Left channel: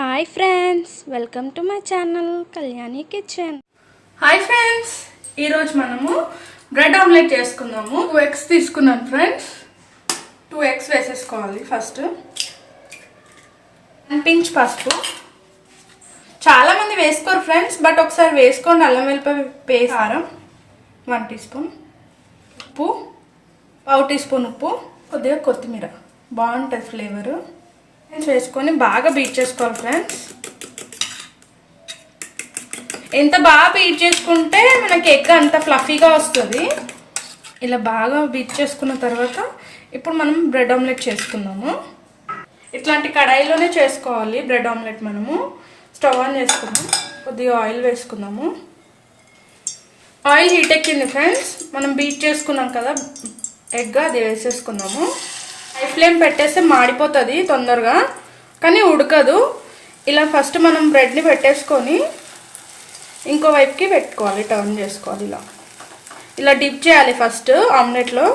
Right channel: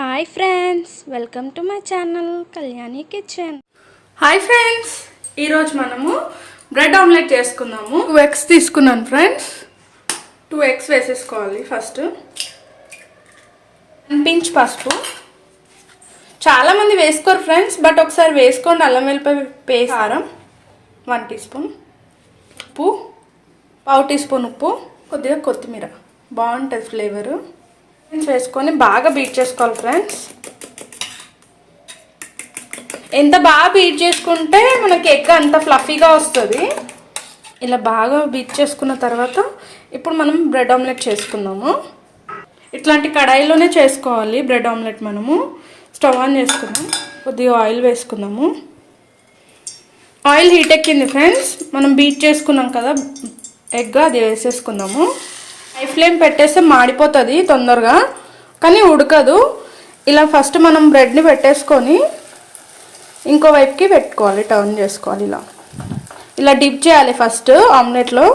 Hi friends, welcome to my channel Kalyani kitchen. Hi friends, ఈరోజు మనము bread omelette చేసుకుందాము. 2 eggs తీసుకున్నాను ఫ్రెండ్స్. 2 eggs వేసేసుకోవాలి. ఫస్ట్ 1 pinch పసుపు. చాలా మంది వేసుకోరు ఫ్రెండ్స్, బట్ ఒకసారి వేసుకోండి. అల్లం వెల్లిపాయ పేస్ట్, కారం 1 teaspoon, ఉప్పు 1/2 teaspoon ఉప్పు, కొద్దిగా కొత్తిమీర, బాగుంటుంది ఫ్లేవరు. వేసుకొని బాగా బీట్ చేసుకోవాలి ఫ్రెండ్స్. ఎంత బాగా బీట్ చేసుకుంటే మనకి ఎగ్ అంత ఫ్లఫీగా వస్తుంది. ఇలా బాగా బీట్ చేసుకున్న తర్వాత ఇప్పుడు మనం బ్రెడ్ ఆమ్లెట్ చేసుకుందాము. ఇట్లాంటి కడాయిలోనే చేసుకోవాలి బ్రెడ్ ఆమ్లెట్. మనము స్టవ్ ఆన్ చేసుకుందాం. కొద్దిగా ఆయిల్ వేసుకుందాము. ఆయిల్ హీట్ ఎక్కింది ఫ్రెండ్స్. మనం బీట్ చేసుకున్నాం కదా ఎగ్, అది వేసేసుకుందాము. హై ఫ్లేమ్ పెట్టేస్తే మాడిపోతుంది తొందరగా, కానీ ఉడకదు. ఇలా ఫస్ట్ మనం బ్రెడ్ని పెట్టేసుకొని ఇంకో వైపుకి పెట్టుకోవాలి, టర్న్ చేసుకోవాలి. ఇలా డిప్ చేయాలి. ఫస్ట్ ఆమ్లెట్లో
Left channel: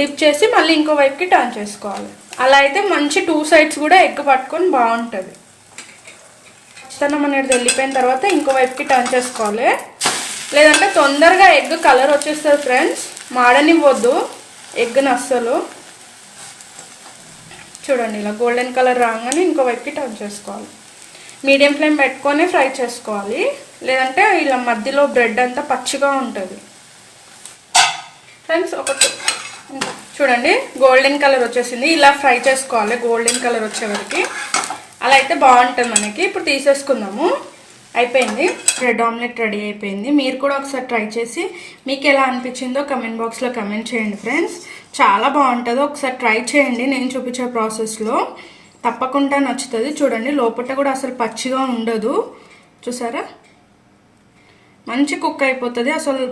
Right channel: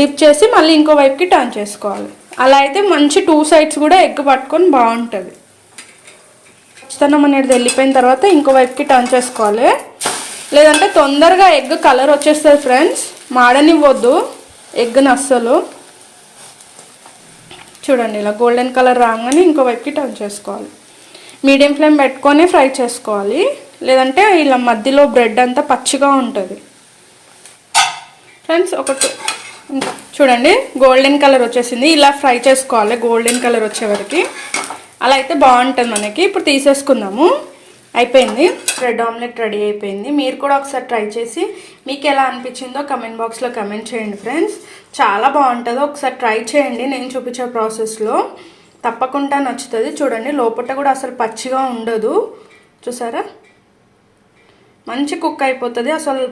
డిప్ చేసి మళ్ళీ ఇంకో వైపుకి టర్న్ చేసుకోవాలి. అలా అయితే మంచి 2 sides కూడా ఎగ్ పట్టుకొని బాగుంటుంది. ఖచ్చితంగా అనేది వెళ్ళిపోయిన తర్వాత ఇంకో వైపుకి టర్న్ చేసుకోవాలి, లేదంటే తొందరగా ఎగ్ కలర్ వచ్చేస్తుంది ఫ్రెండ్స్. మాడనివ్వద్దు ఎగ్ని అస్సలు. చూడండి, ఇలా గోల్డెన్ కలర్ రాగానే ఇంకో వైపుకి టర్న్ చేసుకోవాలి. మీడియం ఫ్లేమ్ పెట్టుకొని ఫ్రై చేసుకోవాలి, లేదంటే ఇలా మధ్యలో బ్రెడ్ అంతా పచ్చిగా ఉంటుంది ఫ్రెండ్స్. చూడండి, గోల్డెన్ కలర్ వచ్చేసింది. ఇలా ఫ్రై చేసుకోవాలి గోల్డెన్ కలర్ వచ్చే వరకు. అలా అయితే బాగుంటుంది మనకి. ఇప్పుడు తీసేసుకుందాము. అయిపోయింది, బ్రెడ్ ఆమ్లెట్ రెడీ అయిపోయింది. మీరు కూడా ఒకసారి ట్రై చేసి మీకు ఎలా అనిపించిందో కమెంట్ బాక్స్లో కమెంట్ చేయండి ఫ్రెండ్స్. చాలా బాగుంటుందో ఒకసారి ట్రై చేయండి. నేను చూపించే ప్రాసెస్లో తప్పకుండా నచ్చుతుంది. చూడండి, లోపల కూడా అసలు పచ్చిగా ఉండదు. చూసారా, మంచి కుక్ అయిపోతుంది. అసలు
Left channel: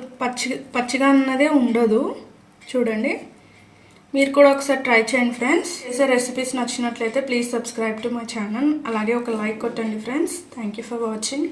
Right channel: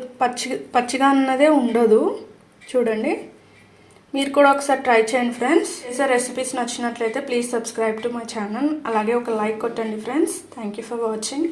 పచ్చిగా అన్నదే ఉండదు. చూడండి, మీరు కూడా ఒకసారి ట్రై చేయండి ఫ్రెండ్స్. చేసే రెసిపీస్ నచ్చినట్లయితే please subscribe to my channel. అలాగే ఒక లైక్ కొట్టండి friends. Thank you for watching.